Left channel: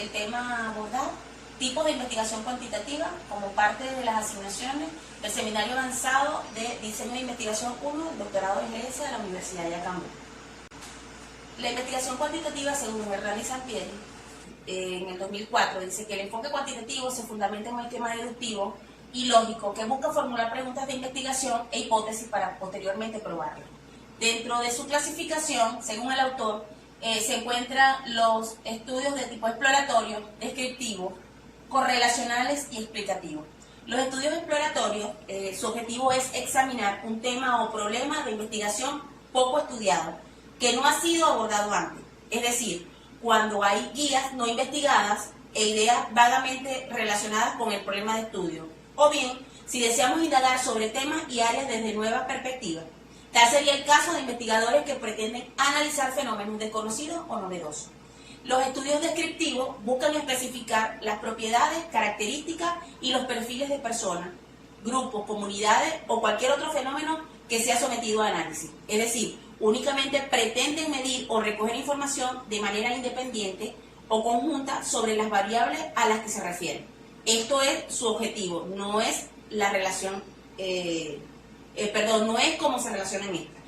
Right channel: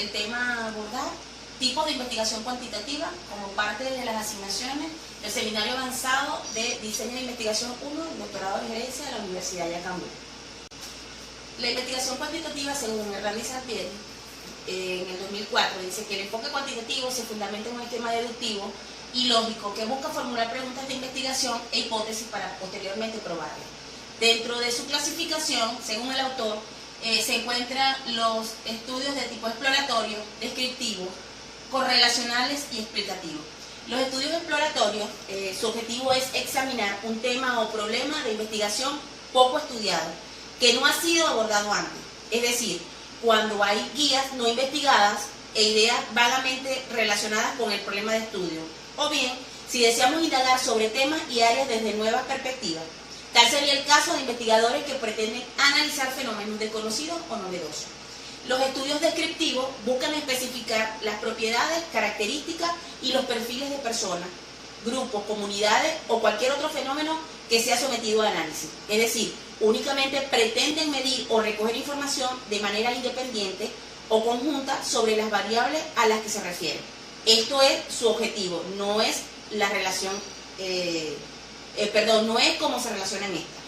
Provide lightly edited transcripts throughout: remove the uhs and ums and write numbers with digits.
el tema a abordar, tipos de investigación cuantitativa, como parte de las asignaciones del Seminario Avanzado de Diseño de Investigación 1, el Doctorado de Gerencia de la Universidad de Yacambú. La investigación cuantitativa, según Hernán y Sampieri, en el 2004, dice que el enfoque cuantitativo se fundamenta en un esquema deductivo y lógico que busca formular preguntas de investigación e hipótesis para posteriormente probarlas. Dentro de su clasificación, según el autor, se encuentran los estudios de tipo exploratorio, descriptivo, correlacionales y explicativos. Los estudios exploratorios, su objetivo es examinar un tema o problema de investigación poco estudiado, que no ha sido abordado antes, es decir, cuando hay guías no investigadas e ideas vagamente relacionadas con el problema de estudio, o bien si deseamos indagar sobre temas y áreas desde nuevas perspectivas. Tal sería el caso de investigadores que pretenden analizar fenómenos desconocidos o novedosos. Los estudios descriptivos buscan especificar las propiedades, características y los perfiles de personas, grupos, comunidades o cualquier otro fenómeno que sea sometido a análisis. Es decir, únicamente pretenden medir o recoger información de manera independiente o conjunta sobre las variables a las que se refieren. Esto es su objetivo, no es la relación, no es cómo se relacionan estas.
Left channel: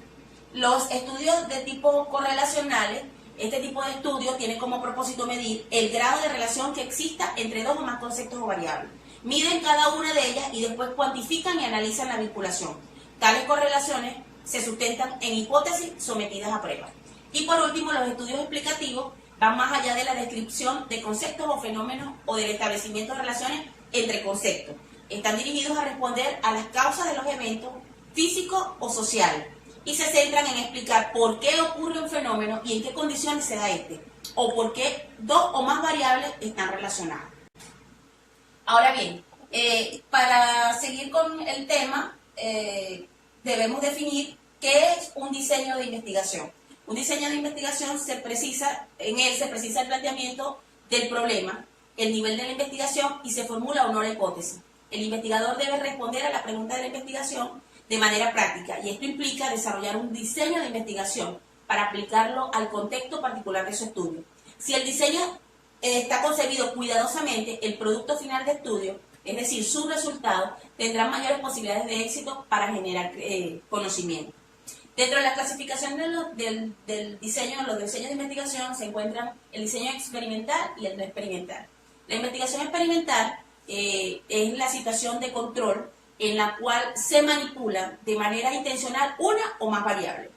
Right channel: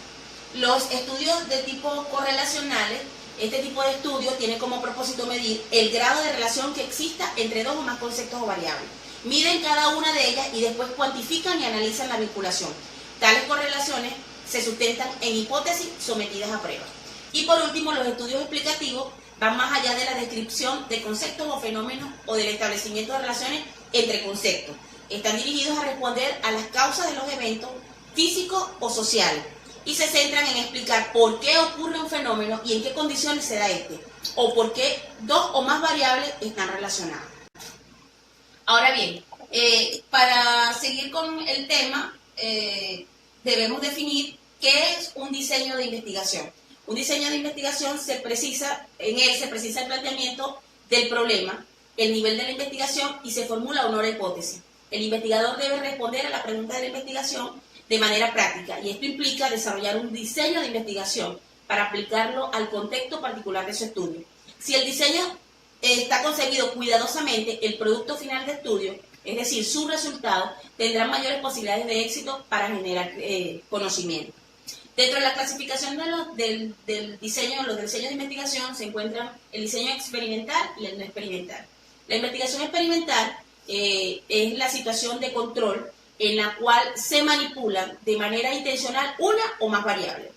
Los estudios de tipo correlacionales, este tipo de estudio tiene como propósito medir el grado de relación que exista entre dos o más conceptos o variables. Miden cada una de ellas y después cuantifican y analizan la vinculación. Tales correlaciones se sustentan en hipótesis sometidas a prueba. Y por último, los estudios explicativos van más allá de la descripción de conceptos o fenómenos o del establecimiento de relaciones entre conceptos. Están dirigidos a responder a las causas de los eventos físicos o sociales y se centran en explicar por qué ocurre un fenómeno y en qué condiciones se da este, o por qué dos o más variables están relacionadas. Ahora bien, para seguir con el tema, debemos definir qué es un diseño de investigación. Un diseño de investigación se precisa el planteamiento del problema, el nivel de la investigación y se formula una hipótesis. El investigador debe responder a la pregunta de la investigación de manera práctica y esto implica desarrollar un diseño de investigación para aplicarlo al contexto particular de su estudio. Si el diseño está concebido cuidadosamente, el producto final de estudio, es decir, su resultado, tendrá mayores posibilidades de éxito para generar conocimiento. Dentro de la clasificación del diseño, los diseños de investigación se encuentran el diseño experimental y el no experimental. La investigación experimental es la situación de control en la cual se manipulan de manera intencional una o más variables.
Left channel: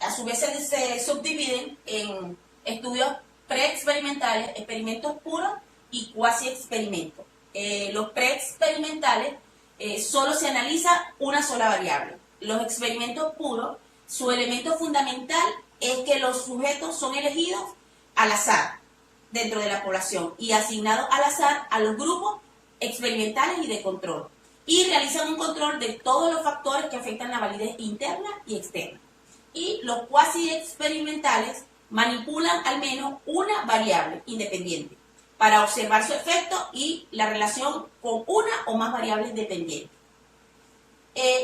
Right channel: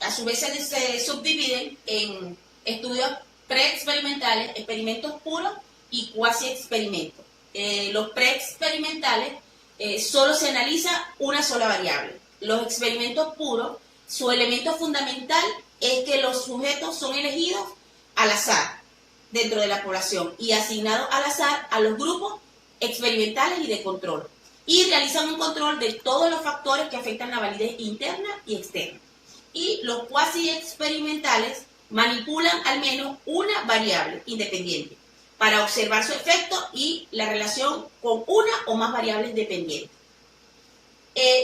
A su vez se subdividen en estudios preexperimentales, experimentos puros y cuasi experimentos. Los preexperimentales solo se analiza una sola variable. Los experimentos puros, su elemento fundamental es que los sujetos son elegidos al azar dentro de la población y asignados al azar a los grupos experimentales y de control, y realizan un control de todos los factores que afectan la validez interna y externa. Y los cuasi experimentales manipulan al menos una variable independiente para observar su efecto y la relación con una o más variables dependientes.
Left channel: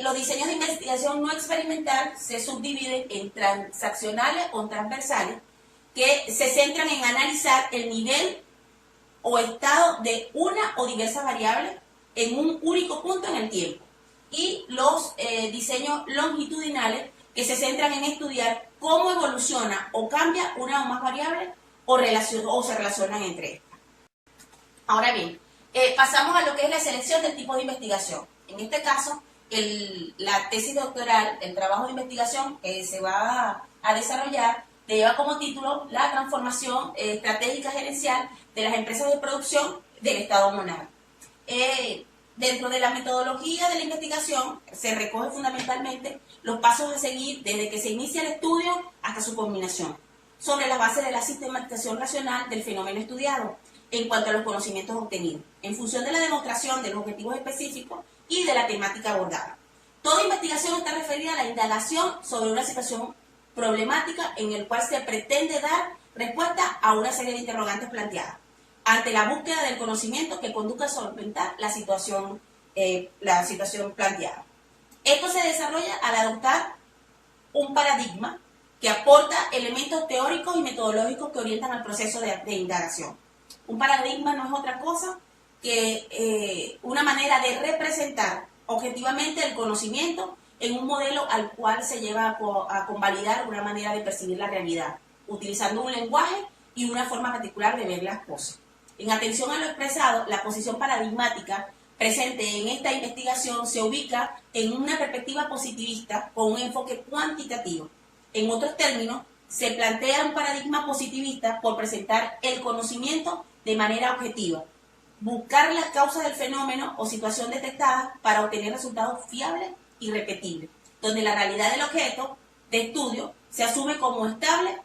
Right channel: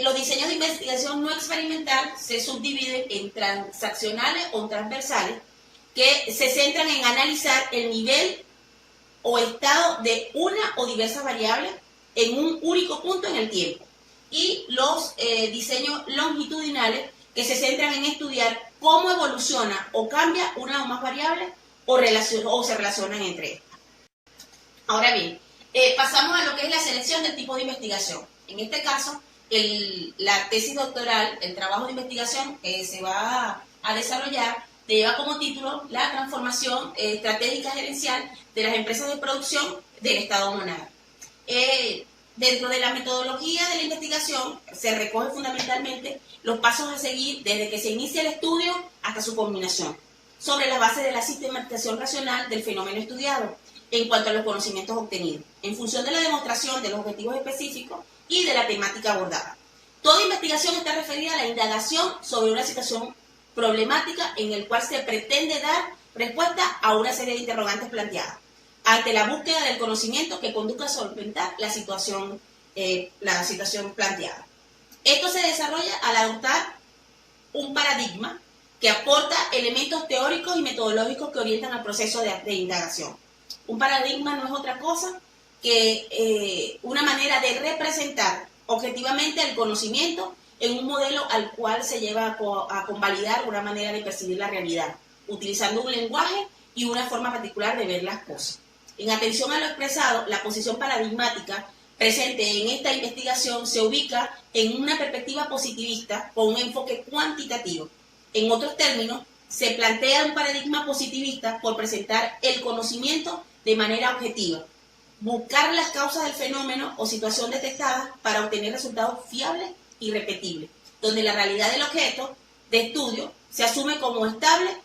Los diseños de investigación no experimental se subdividen en transaccionales o transversales, que se centran en analizar el nivel o estado de una o diversas variables en un único punto en el tiempo. Y los diseños longitudinales, que se centran en estudiar cómo evoluciona o cambia una o más variables o se relacionan entre estas. Ahora bien, pasamos a lo que es la selección del tipo de investigación. En este caso, la tesis doctoral, el trabajo de investigación que se va a desarrollar, lleva como título la transformación estratégica gerencial de las empresas de producción del Estado Monagas. Dentro de la metodología de la investigación se recoge fundamentalmente los pasos a seguir desde que se inicia el estudio hasta su culminación, sobre la base de la sistematización racional del fenómeno estudiado en cuanto a los conocimientos obtenidos, en función de la demostración de los objetivos específicos y de la temática abordada. Toda investigación está referida a la indagación sobre una situación problemática en el cual se pretende dar respuesta a una serie de interrogantes planteadas, ante la búsqueda del conocimiento que conduzca a solventar la situación planteada. Esto se desarrolla al adoptar un paradigma que aporta elementos teóricos y metodológicos que orientan al proceso de indagación. Un paradigma no es otra cosa que una manera de representar objetivamente el conocimiento en un modelo al cual se lleva a convalidar una manera de percibir la realidad, utilizando un lenguaje y una forma particular de ver las cosas. En atención a lo expresado, la posición paradigmática presente en esta investigación se ubica en una perspectiva positivista con un enfoque cuantitativo. En otros términos, se plantea un paradigma positivista por presentar el conocimiento de manera objetiva, buscar las causas del fenómeno o situación detectada para obtener resultados fiables y repetibles, donde la realidad del objeto de estudio se asume como estable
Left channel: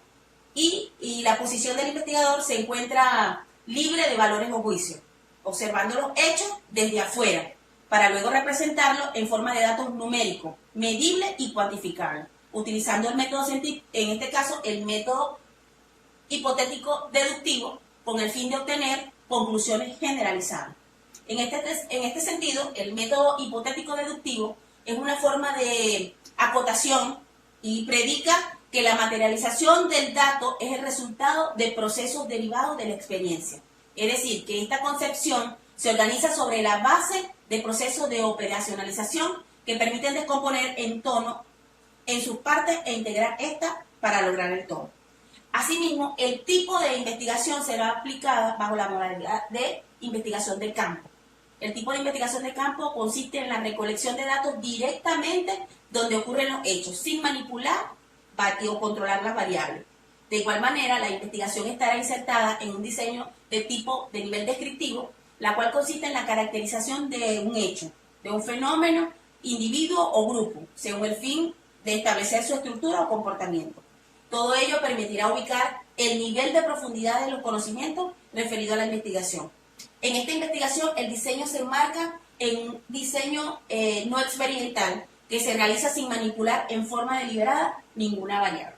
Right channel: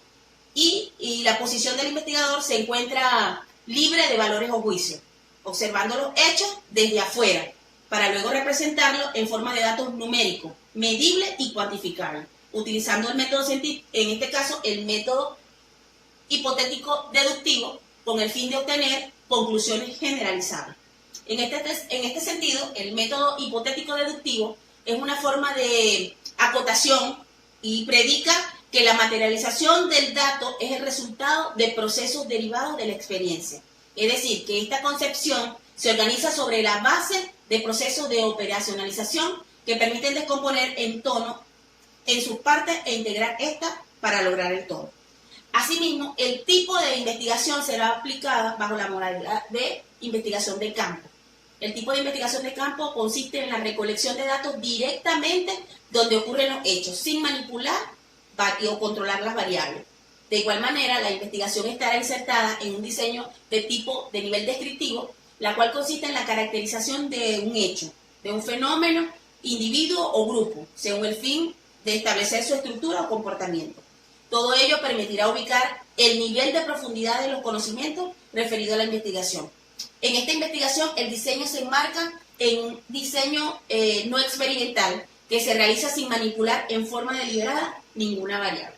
y la posición del investigador se encuentra libre de valores o juicios, observando los hechos desde afuera, para luego representarlos en forma de datos numéricos, medibles y cuantificables, utilizando el método científico, en este caso el método hipotético deductivo, con el fin de obtener conclusiones generalizables. En este sentido, el método hipotético deductivo es una forma de acotación y predica que la materialización del dato es el resultado de procesos derivados de la experiencia. Es decir, que esta concepción se organiza sobre la base de procesos de operacionalización que permiten descomponer en tono en sus partes e integrar esta para lograr el todo. Asimismo, el tipo de investigación será aplicada bajo la modalidad de investigación de campo. El tipo de investigación de campo consiste en la recolección de datos directamente donde ocurren los hechos, sin manipular o controlar las variables. De igual manera, la investigación estará insertada en un diseño de tipo de nivel descriptivo, la cual consiste en la caracterización de un hecho, de un fenómeno, individuo o grupo, según el fin de establecer su estructura o comportamiento. Todo ello permitirá ubicar el nivel de profundidad de los conocimientos referido a la investigación. En esta investigación, el diseño se enmarca en un diseño no experimental que se realiza sin manipular en forma deliberada ninguna variable.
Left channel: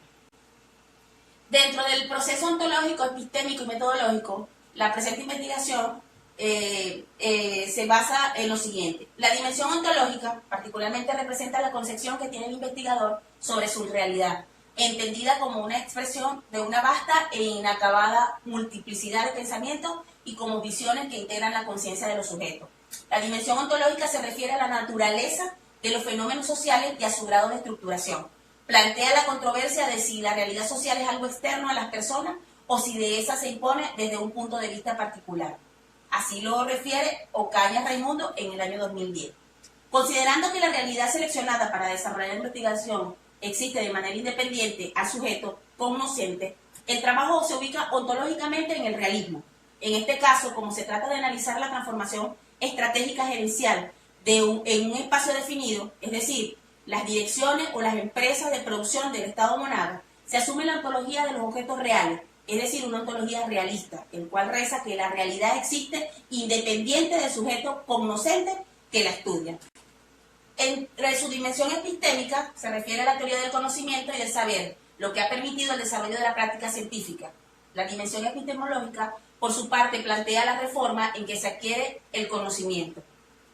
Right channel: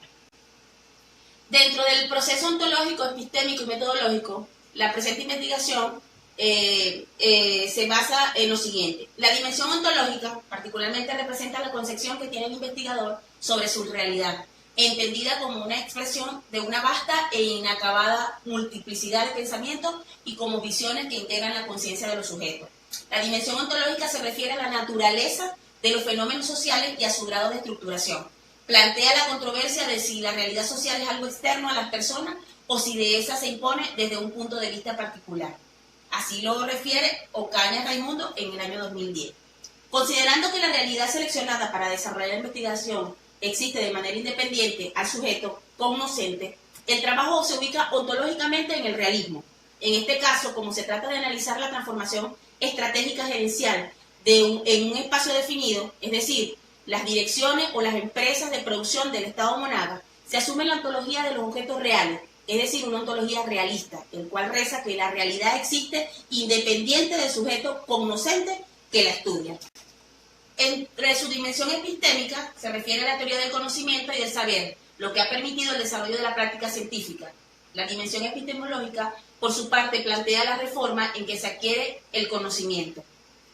Dentro del proceso ontológico, epistémico y metodológico, la presente investigación se basa en lo siguiente. La dimensión ontológica particularmente representa la concepción que tiene el investigador sobre su realidad, entendida como una expresión de una vasta e inacabada multiplicidad de pensamientos y como visiones que integran la conciencia de los sujetos. La dimensión ontológica se refiere a la naturaleza de los fenómenos sociales y a su grado de estructuración. Plantea la controversia de si la realidad social es algo externo a las personas o si de esa se impone desde un punto de vista particular. Así lo refiere Ocaña Raimundo en el año 2010. Considerando que la realidad seleccionada para desarrollar la investigación existe de manera independiente al sujeto cognoscente, el trabajo se ubica ontológicamente en el realismo. En este caso, como se trata de analizar la transformación estratégica gerencial en un espacio definido, es decir, las direcciones o las empresas de producción del Estado Monaga, se asume la ontología de los objetos reales, es decir, una ontología realista, el cual reza que la realidad existe independiente del sujeto cognoscente que la estudia. Entre su dimensión epistémica se refiere a la teoría del conocimiento y del saber, lo que ha permitido el desarrollo de la práctica científica. La dimensión epistemológica, por su parte, plantea la reforma en que se adquiere el conocimiento.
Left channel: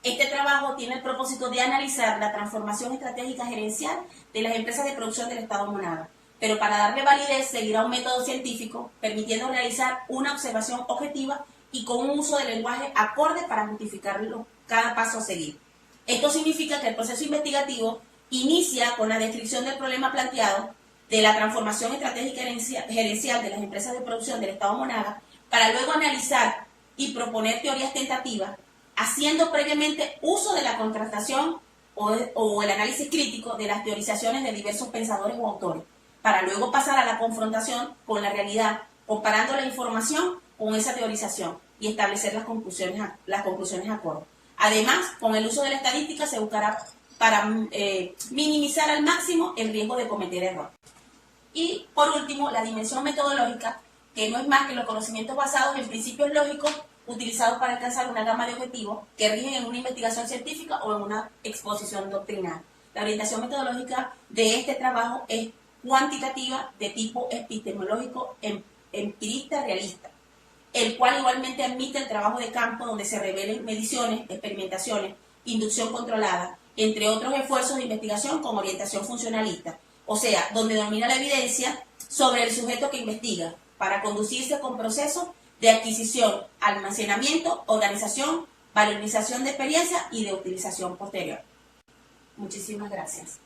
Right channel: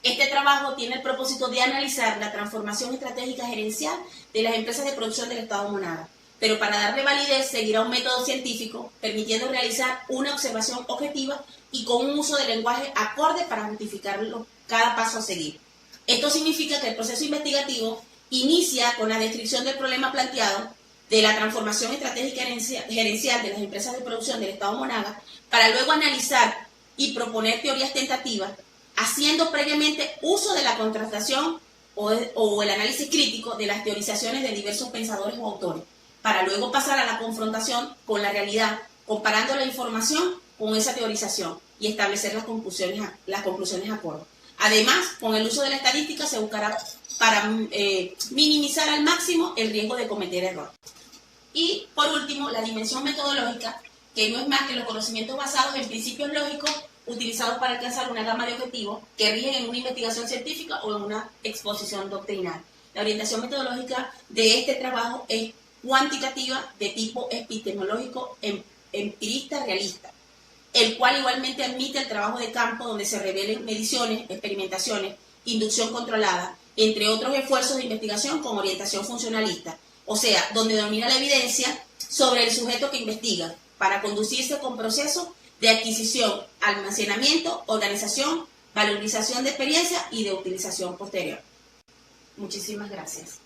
Este trabajo tiene el propósito de analizar la transformación estratégica gerencial de las empresas de producción del Estado Monaga, pero para darle validez seguirá un método científico, permitiendo realizar una observación objetiva y con un uso de lenguaje acorde para justificar cada paso a seguir. Esto significa que el proceso investigativo inicia con la descripción del problema planteado, de la transformación estratégica gerencial de las empresas de producción del Estado Monaga, para luego analizar y proponer teorías tentativas, haciendo previamente uso de la contrastación o el análisis crítico de las teorizaciones de diversos pensadores o autores, para luego pasar a la confrontación con la realidad, comparando la información con esa teorización y establecer las conclusiones acordes. Además, con el uso de la estadística se buscará para minimizar al máximo el riesgo de cometer errores. Y, por último, la dimensión metodológica, que no es más que los conocimientos basados en principios lógicos utilizados para alcanzar una gama de objetivos que rigen en una investigación científica o en una exposición doctrinal. La orientación metodológica de este trabajo es cuantitativa de tipo epistemológico empirista realista, el cual igualmente admite el trabajo de campo donde se revelen mediciones, experimentaciones, inducción controlada, entre otros esfuerzos de investigación con orientación funcionalista, o sea, donde domina la evidencia sobre el sujeto que investiga, para conducirse con procesos de adquisición, almacenamiento, organización, valorización de experiencia y de utilización posterior. Muchísimas gracias.